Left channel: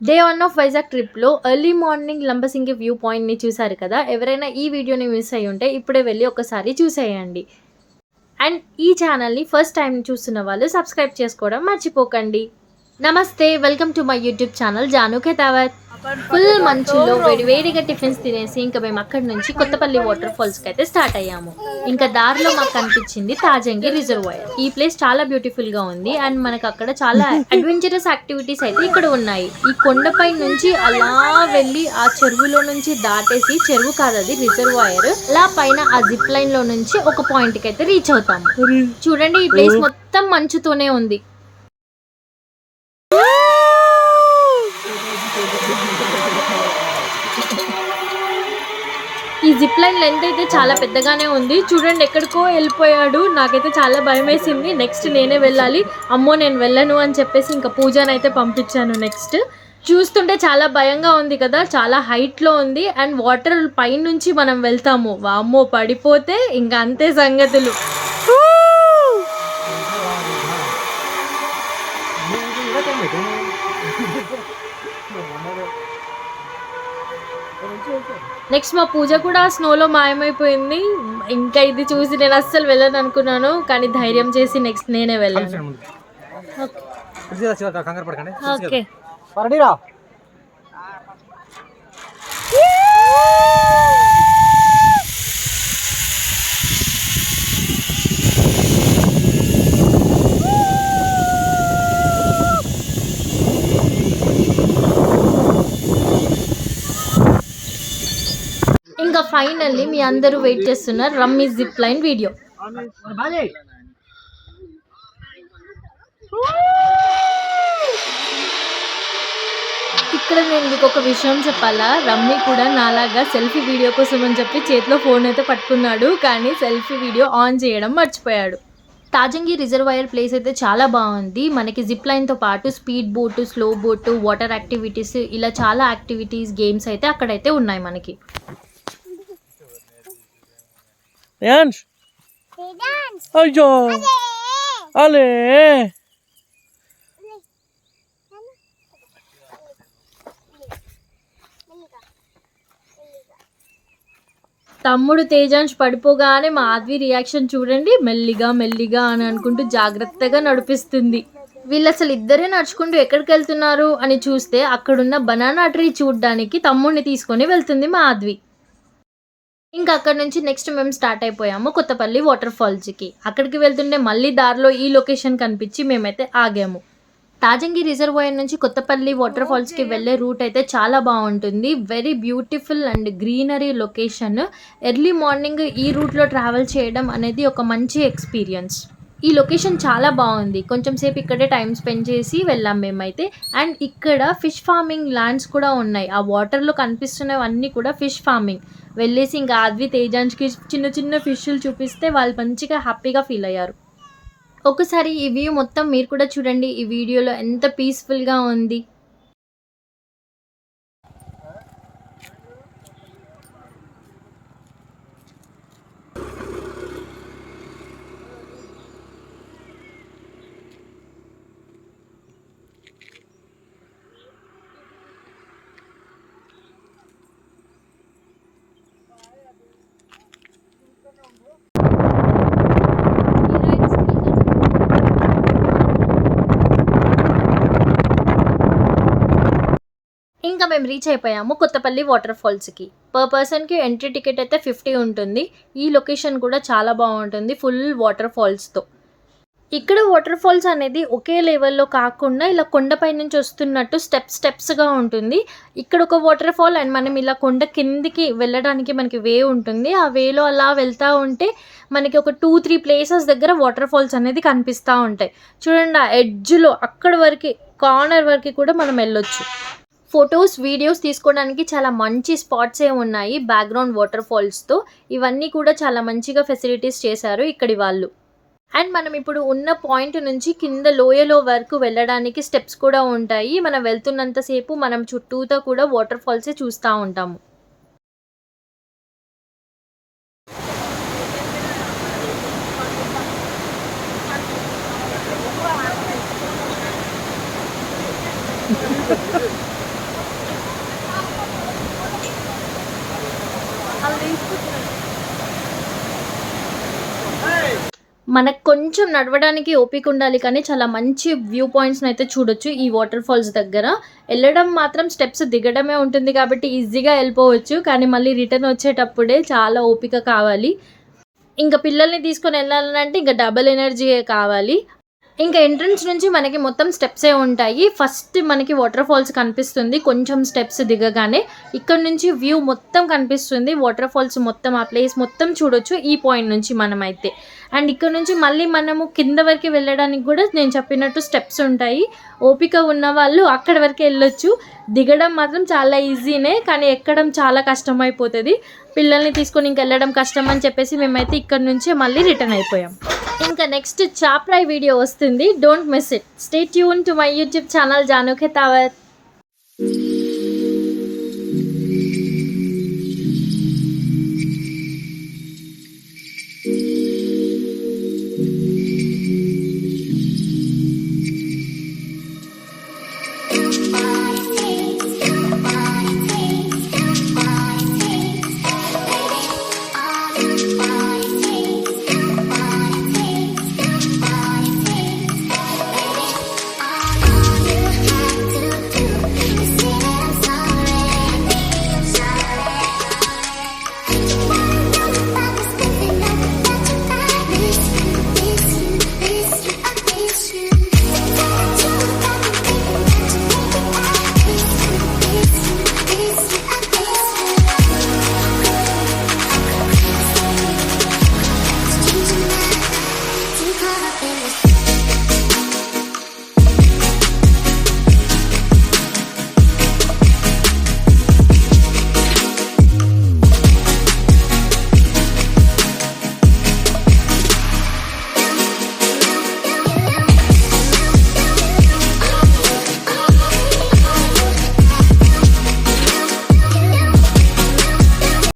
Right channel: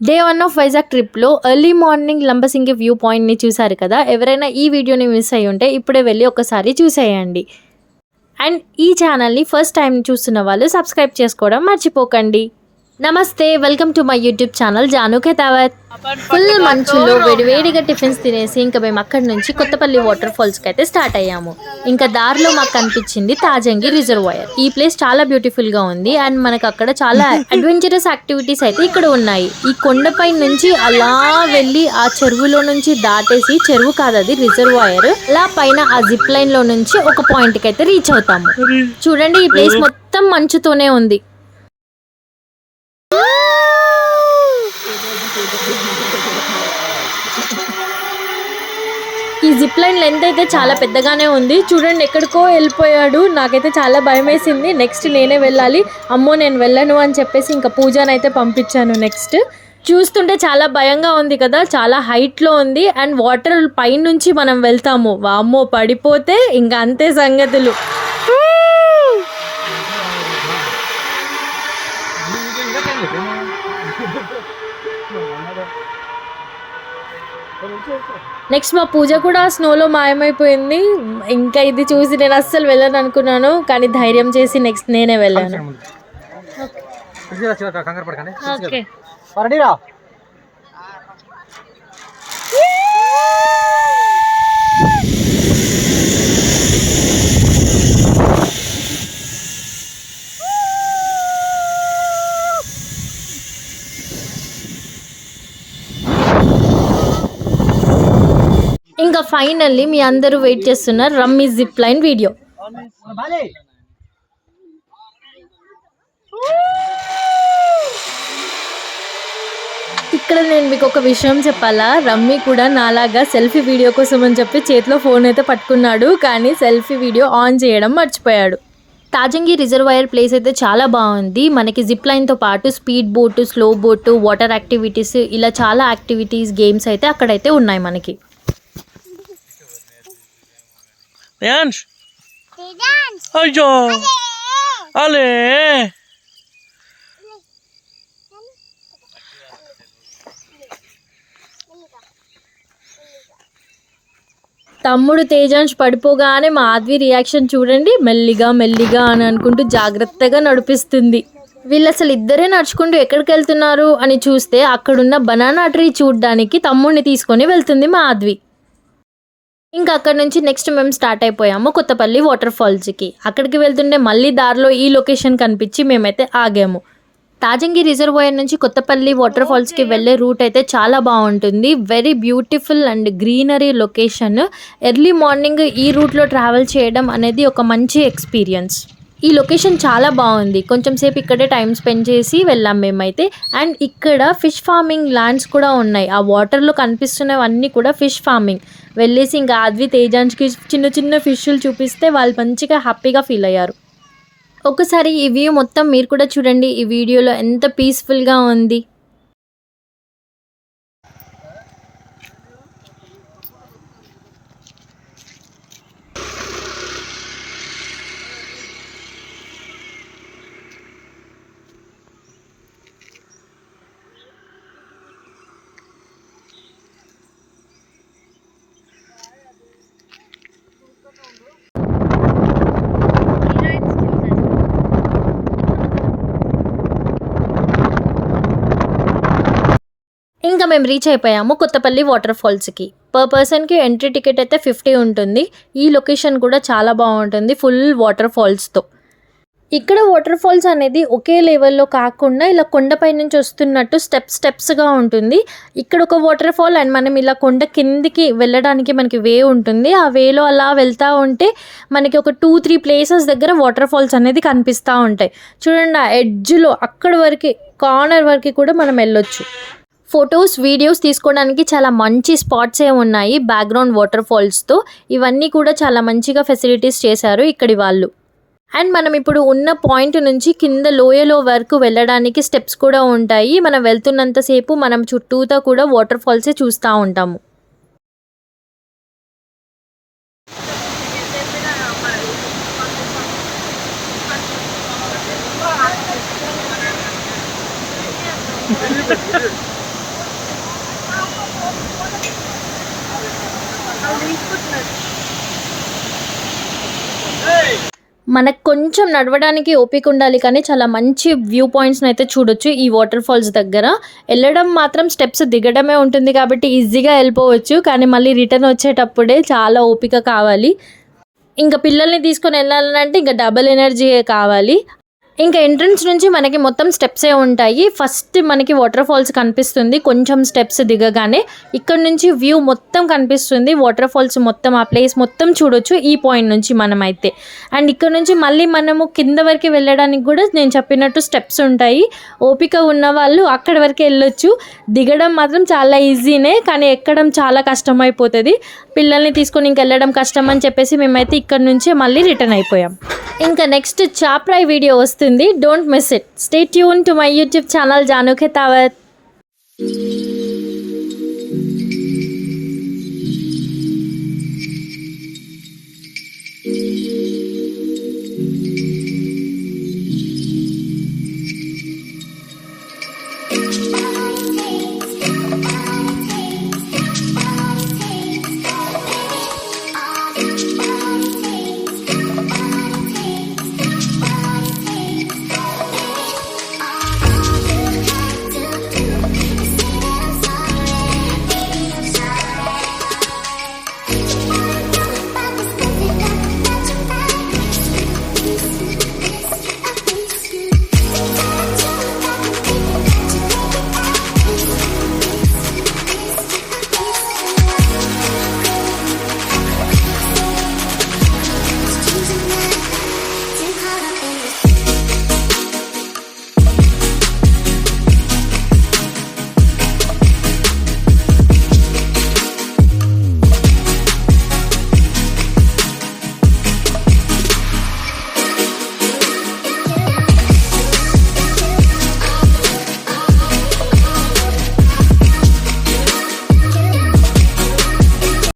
Day 1 of Vizag ట్రిప్‌లో early morning Lambasingi view పాయింట్‌ని చూసారు కదా! ఎవరైనా ఈ వీడియోని మిస్ అయ్యుంటే ఇప్పుడే వెళ్లి ఒకసారి చూసేయండి. అండ్ ఈ ఛానల్‌ని ఫస్ట్ టైమ్ చూస్తున్న వాళ్ళు సబ్స్క్రైబ్ చేసుకోవడం మర్చిపోకండి. నమస్తే! Welcome to my YouTube channel Jaanu Khetavath. Full మంచులో వేడివేడిగా టిఫిన్స్ తినేసి ఇంక మేము అక్కడి నుంచి కొత్తపల్లి వాటర్ ఫాల్స్‌కి అయితే స్టార్ట్ అయ్యాము. ఇంకా దారిలో మాకు కనిపించింది తాజంగి రిజర్వాయర్. ఈ ప్లేస్ చాలా బ్యూటిఫుల్‌గా ఉంది అండ్ మనకు అక్కడ చాలా అడ్వెంచరస్ యాక్టివిటీస్ అయితే ఇక్కడ ఉన్నాయి. ఈ కొండపై నుంచి అలా వెళ్ళి ఆ చెరువులో నుంచి దాటేసి చెరువు కాదు అది రిజర్వాయర్. అలా పైన ఆ జిప్ లైన్ లో నుంచి ఒక పాయింట్‌కి అయితే రీచ్ అవుతాము. చూడండి ఈ ప్లేస్ మొత్తం మంచుతోనే ఉంది. ఈ జిప్ లైన్ లెంత్ అయితే చాలా పెద్దగానే ఉంది. చూడండి ఎక్కడికో వెళ్ళిపోయాడు. నాకైతే చాలా భయం వేసింది. నెక్స్ట్ నేనే వెళ్ళాలి. అమ్మో నేను వెళ్ళను అని చెప్పేసి ఇంకా పూజనైతే పంపించాను నెక్స్ట్. చూస్తుంటే చాలా భయంగా ఉంది కదా, చాలా హైట్లో ఉంది అండ్ వాటర్ పైనుంచి మనం వెళ్తాము. వామ్మో పడిపోతే ఇంకా అంతే సంగతులు. నెక్స్ట్ మా పూజ కూడా స్నోలో మాయమైపోయింది. ఇంకా ఇది చూసి నేను అస్సలు వెళ్ళను అనుకున్నాను, కానీ ధైర్యం చేసి నెక్స్ట్ నేనే వెళ్ళాను. ఓకే ఇంకా ఫైనల్లీ మీ అందరూ వెయిట్ చేస్తున్నారు రమ్మీ జిప్ లైన్ వీడియో. ఇక్కడ నేను మీకు ఒక విషయం చెప్పాలా, రమ్మీ కూడా నాలాగా సెల్ఫీ వీడియో కోసం అని చెప్పి చేతిలో ఫోన్ అయితే పట్టుకున్నాడు, కానీ సెల్ఫీ వీడియో ఆన్ చేయడం మర్చిపోయాడు. తాజంగి రిజర్వాయర్ ప్లేస్ అయితే చాలా బాగుంది. మనకి జిప్ లైన్తో పాటు speed boat, slow boat, water activities, ఇలా చాలా యాక్టివిటీస్, గేమ్స్ అయితే అక్కడైతే ఉన్నాయి మనకి. అయ్యో అలే తమ్ముడు తేజాంశ్ పడిపోగానే మా ఆద్వి రియాక్షన్ చూడండి. మెల్లిగా మెల్లిగా అని అనుకుంటూ జాగ్రత్తగా నడిపిస్తుంది. వీళ్ళు అసలు ఇద్దరే నడుచుకుంటూ ఎక్కడికి వెళ్తున్నారు అని చూస్తే అక్కడున్న బనానా ట్రీ చూడడానికి తమ్ముడిని తీసుకొని వెళ్తుంది మా ఆద్వి. ఇంకా అక్కడ నుంచి నెక్స్ట్ మేము స్టార్ట్ అయిపోయాము కొత్తపల్లి వాటర్ ఫాల్స్కి. అక్కడికి వెళ్తుంటే మళ్ళీ దారిలో ఈ లొకేషన్ కనిపించి మేమైతే ఆగాము. తాజంగి రిజర్వాయర్ నుంచి కొత్తపల్లి వాటర్ ఫాల్స్కి వెళ్ళే రూట్ అయితే చాలా బాగుంటుంది. Very beautiful and greenery location. Early morning ఈ రూట్లో ట్రావెల్ చేయడం అనేది ఒక మంచి ఎక్స్పీరియన్స్. ఈ లొకేషన్ చాలా బాగుంది. కొంచెం సేపు ఇక్కడే టైం స్పెండ్ చేసి వెళ్ళాం మేమైతే. అండ్ ఇక్కడ ఫిష్ ఫార్మింగ్ ల్యాండ్స్ కూడా ఉన్నాయి. ఆ వాటర్లో కనిపిస్తున్నవన్నీ కూడా ఫిష్ ఫార్మింగ్. వెళ్ళేసి ఇంకా ఆద్వి తేజాంష్కి చిన్న చిన్న ఫిష్లు చూపిస్తే వాళ్ళు మంచిగా హ్యాపీగా ఫీల్ అయ్యారు. ఒకసారి ఈ వ్యూ మొత్తం మీరు కూడా చూడండి. ఈ వీడియోలో ఎంత పీస్ఫుల్గా ఉంది. ఇంకా మేము రీచ్ అయిపోయాము కొత్తపల్లి వాటర్ ఫాల్స్కి. పర్ పర్సన్కి ఎంట్రీ టికెట్ అయితే 50 ఉంటుంది. ఈ లొకేషన్ కూడా చాలా బాగుంటుంది ఫుల్ వాటర్ ఫాల్స్తో. ఇక్కడ వాటర్ ఫాల్స్ అనేది ఒకే లెవెల్లో కాకుండా ఇలా కొండపై నుంచి వస్తున్నట్టు స్టెప్స్గా ఉంటుంది. ఇక్కడ ఒక వాటర్ ఫాల్ అండ్ మనం ఇలా కొండ కిందికి వెళ్ళడానికి మనకి వే ఉంటుంది. ఆ వేలో అలా వెళ్తూ ఉంటే మనకి ఒక 2-3 ప్లేసెస్ దగ్గర వాటర్ ఫాల్స్ అనేది కనిపిస్తూ ఉంటాయి. చూడండి ఆ ఎడ్జ్లో అక్కడి వరకు, కార్నర్ వరకు కూడా మనం వెళ్ళొచ్చు. ఫొటోస్, వీడియోస్ తీసుకోవడానికి చాలా మంచి స్పాట్సే ఉన్నాయి బ్యాక్గ్రౌండ్ వాటర్ ఫాల్స్తో. ఇవన్నీ కూడా చాలా మంచిగా ఫెసిలిటీస్ చేశారు ఇక్కడి వాళ్ళు. అండ్ మనం ఇప్పుడు ఉన్న పాయింట్ నుంచి కింద లోయలో వరకు వెళ్ళడానికి స్టెప్స్ కూడా ఉంటాయి. మనం వెళ్తున్నంతసేపు మనం చుట్టూతా కూడా వాటర్ ఫాల్సే చూస్తూ ఉంటాము. మనకు కొంచెం నడవడానికి ఓపిక ఉండాలి, కానీ చాలా మంచి వ్యూ పాయింట్స్ని అయితే చూడొచ్చు ఈ వాటర్ ఫాల్స్ దగ్గర. వెళ్ళడం మాత్రం స్టెప్స్ దిగడమే ఉంటుంది కాబట్టి ఈజీగా వెళ్ళిపోవచ్చు, కానీ మళ్ళీ రిటర్న్ వచ్చేటప్పుడే చాలా ఓపిక కావాలి. ఇంకా పిల్లల్ని తీసుకొని వెళ్ళాలంటే ఇంకా డబుల్ ఎనర్జీయే కావాలి. ఇంకా ఎంట్రన్స్ నుంచి మనకి మొత్తం స్టెప్సే ఉంటాయి. ఫస్ట్ మనకి వాటర్ ఫాల్స్ కనిపిస్తుంది కొంచెం స్టెప్స్ దిగగానే. ఇక్కడ నుంచి వ్యూ మొత్తం కనిపిస్తుంది, వాటర్ ఫాల్స్ మొత్తం, ఆ ప్లేస్ మొత్తం చూడొచ్చు ఈ పాయింట్ నుంచి మనమైతే. అండ్ ఇక్కడ నుంచి మళ్ళీ మనము కింద వరకు వెళ్ళడానికి కూడా నేను చెప్పినట్టు స్టెప్స్ ఉంటాయి. ఓపిక ఉన్న వాళ్ళు అక్కడి వరకు వెళ్ళొచ్చు. దిగడం మాత్రం చాలా ఈజీనే, కానీ ఎక్కడం చాలా కష్టమైపోతుంది. పిల్లల్ని తీసుకొని ఇంకెళ్ళడం కష్టం అని చెప్పేసి మేమైతే ఇక్కడ నుంచే మళ్ళీ రిటర్న్ అయిపోయాం. ఇంకా నెక్స్ట్ చాప్రాయ్ వీడియో వస్తుంది, don't miss it. Stay tune to my YouTube channel Jaanu Khetavath.